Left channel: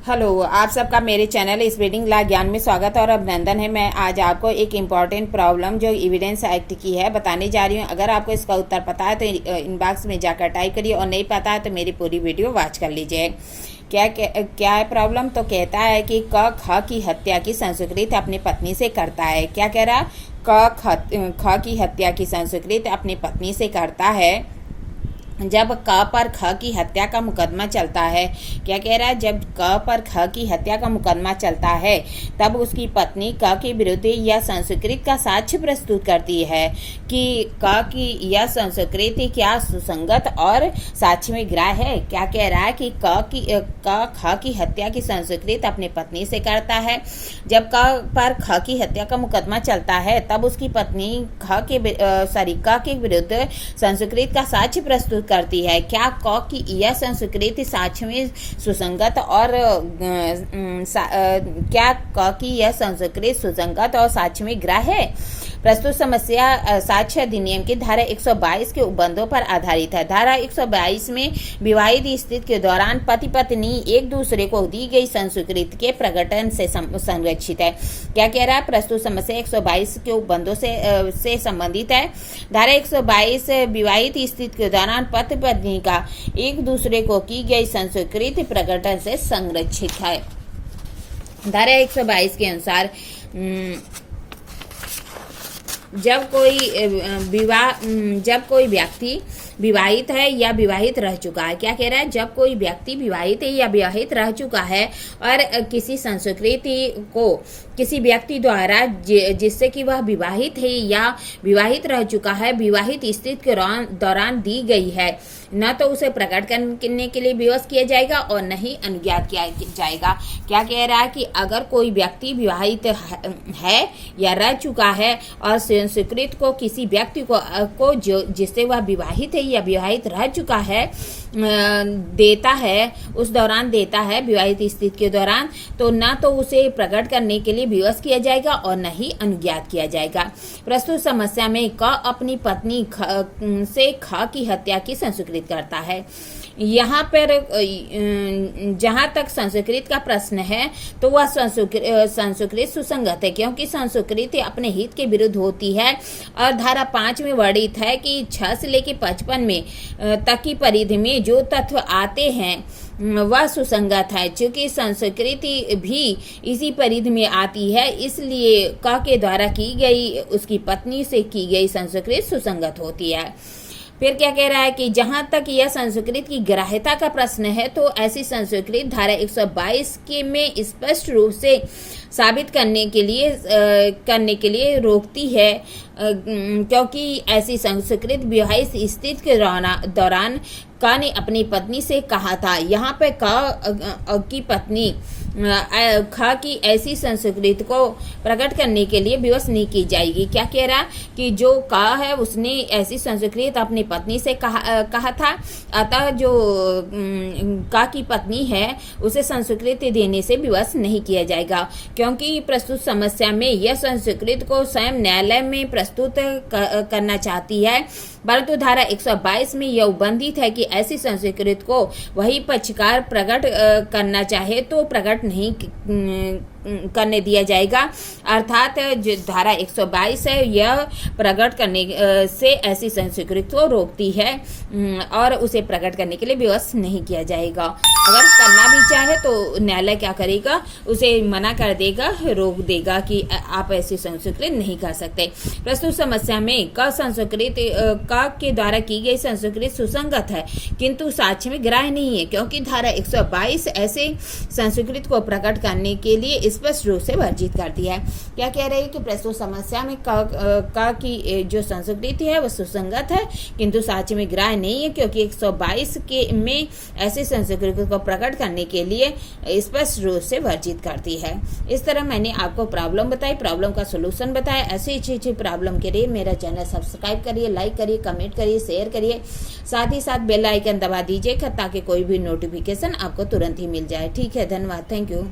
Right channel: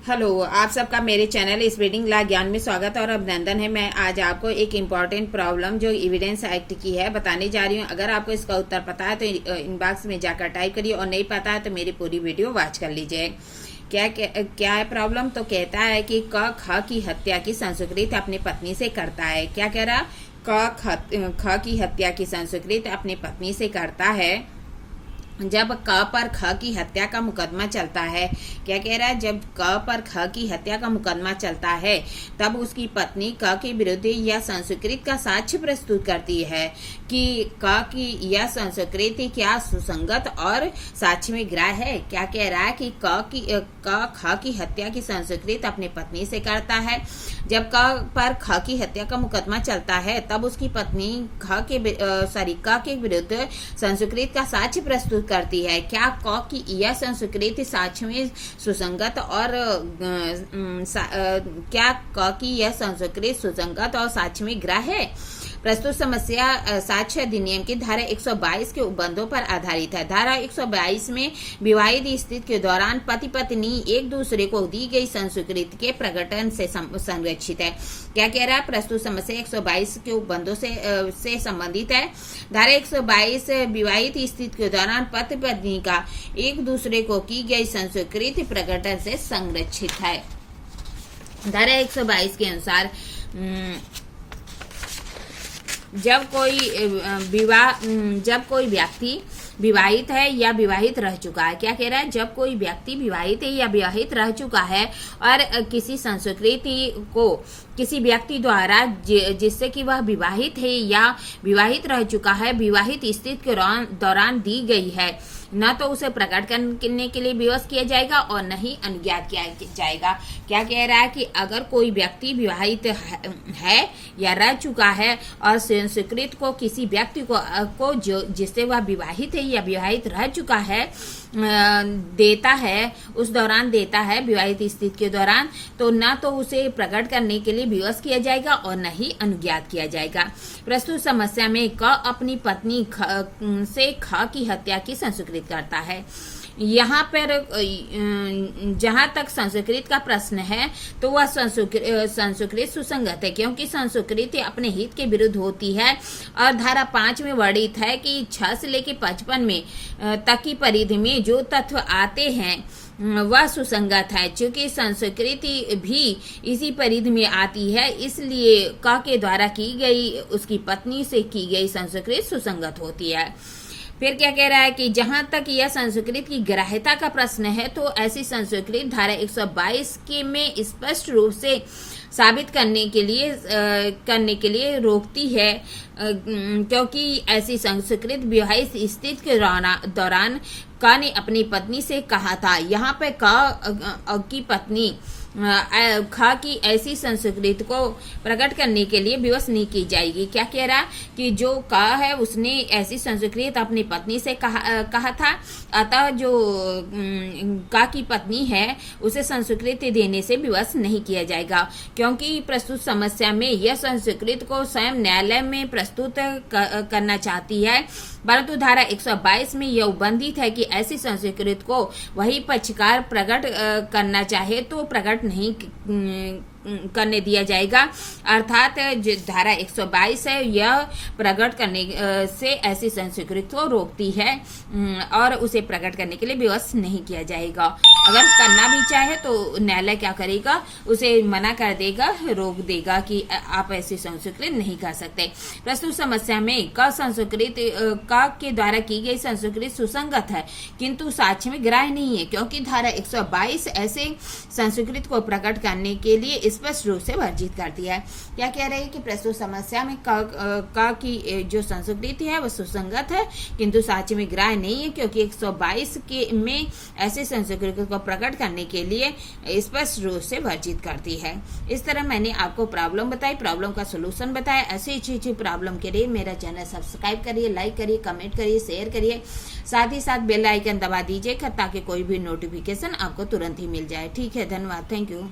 Hello, आप सबका मेरे चैनल स्पीडिंग ला ज्ञान में स्वागत और अभिनंदन है। मैं आज आपको एक इम्पॉर्टेंट प्रॉब्लम जो एविडेंस एक्ट की है बताने जा रही हूँ। अगर आपको इसका उत्तर पता है तो इनबॉक्स में जाकर टाइप करिए और नहीं पता है तो मेरी पूरी वीडियो वॉच कर लीजिए। क्या है प्रॉब्लम? तो कहता है कि क ख की हत्या की संस्कृत अपनी पत्नी से करता है। क्या कह रहा? ख की हत्या की संस्कृत अपनी पत्नी से करता है जब क पर ख की हत्या का मुकदमा चलता है। क्या कह रहा है? जब क पर ख की हत्या का मुकदमा चलता है तब उसकी पत्नी क के विरुद्ध यह संस्कृत का साक्ष्य प्रस्तुत करती है कि क की यह संस्कृति क्या सुसंगत और साक्ष्य में ग्राह्य है। क्या कह रहा है कि क ख की हत्या की संस्कृत अपनी पत्नी से करता है। जब क पर ख की हत्या का मुकदमा चलता है तब उसकी पत्नी क के विरुद्ध संस्कृत का साक्ष्य प्रस्तुत करती है। क्या क की यह संस्कृति साक्ष्य में सुसंगत और क्या क की यह संस्कृति सुसंगत और साक्ष्य में ग्राह्य है? प्रस्तुत समस्या साक्ष्य अधिनियम की धारा 122 के उपबंधों पर आधारित है। धारा 122 में विवाहित स्थिति के दौरान पति पत्नी एक दूसरे को दी गई संस्कृति के प्रकटन से संरक्षित है। क्या कह रहा है? प्रस्तुत समस्या 122 के उपबंधों से संबंधित है। धारा 122 विवाहित स्थिति के दौरान पति पत्नी का एक दूसरे को की गई संस्कृति प्रकटन से संरक्षित है। धारा 122 के अनुसार जब कोई व्यक्ति विवाहित है या विवाहित रह चुका है। क्या कह रहा है? जब कोई व्यक्ति विवाहित है या विवाहित रह चुका है और किसी संस्कृति को किसी व्यक्ति द्वारा जिससे कि वह विवाहित है या विवाहित रह चुका है विवाहित स्थिति के दौरान दी गई है, न तो उसे प्रकट करने के लिए विवश किया जाएगा और न ही अनुज्ञात किया जाएगा। क्या कह रहा है कि अगर कोई व्यक्ति विवाहित है या रह चुका है और संस्कृत को किसी व्यक्ति को जिससे वह विवाहित है या विवाहित रह चुका है देता है, उस दौरान देता है विवाहित स्थिति के दौरान, तो न तो उसे प्रकट करने के लिए विवश किया जाएगा और न ही अनुज्ञात किया जाएगा। प्रस्तुत समस्या में क अपनी पत्नी से ख की हत्या की संस्कृत करता है। यहाँ पर जहाँ तक संस्कृत का प्रश्न है तो वह संस्कृत सुसंगत है, क्योंकि संस्कृत अपने हित के विरुद्ध होती है और धारा 5 में वर्णित है कि 6 से लेकर 55 में तक की परिधि में जो तत्व आते हैं वह सुसंगत है। चूंकि संस्कृति भी इसी परिधि में आती है, इसलिए क के द्वारा की गई उसकी पत्नी से की गई संस्कृत सुसंगत होती है। फिर क्या कह रहा है कि जहां तक यह संस्कृत की ग्राह्यता का प्रश्न है तो ऐसी संस्कृत धारा 122 के में स्पष्ट रूप से साबित करने के लिए रोकती है, क्योंकि ऐसी संस्कृत विवाहित स्थिति के दौरान क ने अपनी पत्नी से कहा था। यहाँ पे क की पत्नी ख की ऐसी संस्कृति को प्रकट करने के लिए विवश नहीं की जाएगी। क्या कह रहा कि जो क है उसने ऐसी संस्कृत अपनी पत्नी से कहा था, अतः जो क की पत्नी है उसे संस्कृति देने से विवश नहीं किया जाएगा, क्योंकि प्रस्तुत समस्या में यह संस्कृत को स्वयं न्यायालय में प्रस्तुत करना चाहती है, परंतु धारा 122 में यह उबंधित है कि ऐसी संस्कृत को वही पक्षकार प्रकट करना चाहे तो प्रकट नहीं करने दिया जाएगा। अर्थात जो धारा 122 है यह प्रकट करने से ऐसी संस्कृति को रोकती है और उसे प्रकट करने के लिए विवश नहीं किया जाएगा। अगर करना भी चाहे तो न्यायालय क्या करेगा? उसे मना कर देगा, रोक देगा कि आप ऐसी संस्कृति नहीं कर सकते। प्रस्तुत समस्या में क संस्कृति क के द्वारा की गई संस्कृति सुसंगत है किंतु साक्ष्य में ग्राह्य नहीं है, क्योंकि धारा 122 ऐसे संस्कृति को प्रकट करने के लिए स्पष्ट रूप से वर्जित करती है। क्या कह रही है कि प्रस्तुत समस्या में क की जो संस्कृति है वह सुसंगत है किंतु साक्ष्य में ग्राह्य नहीं है, क्योंकि 122 के में ऐसे संस्कृति को प्रकट करने के लिए स्पष्ट रूप से वर्जित करती है। इस तरह मैंने आपको प्रॉब्लम बताई, प्रॉब्लम का सोल्यूशन बताया। ऐसी अच्छी प्रॉब्लम के लिए मेरा चैनल सब्सक्राइब करिए, लाइक करिए, कमेंट करिए, शेयर करिए, साथ ही साथ बेल आइकन दबा दीजिए ताकि कोई भी नोटिफिकेशन आपको तुरंत ही मिल जाए। ठीक है, धन्यवाद, थैंक यू।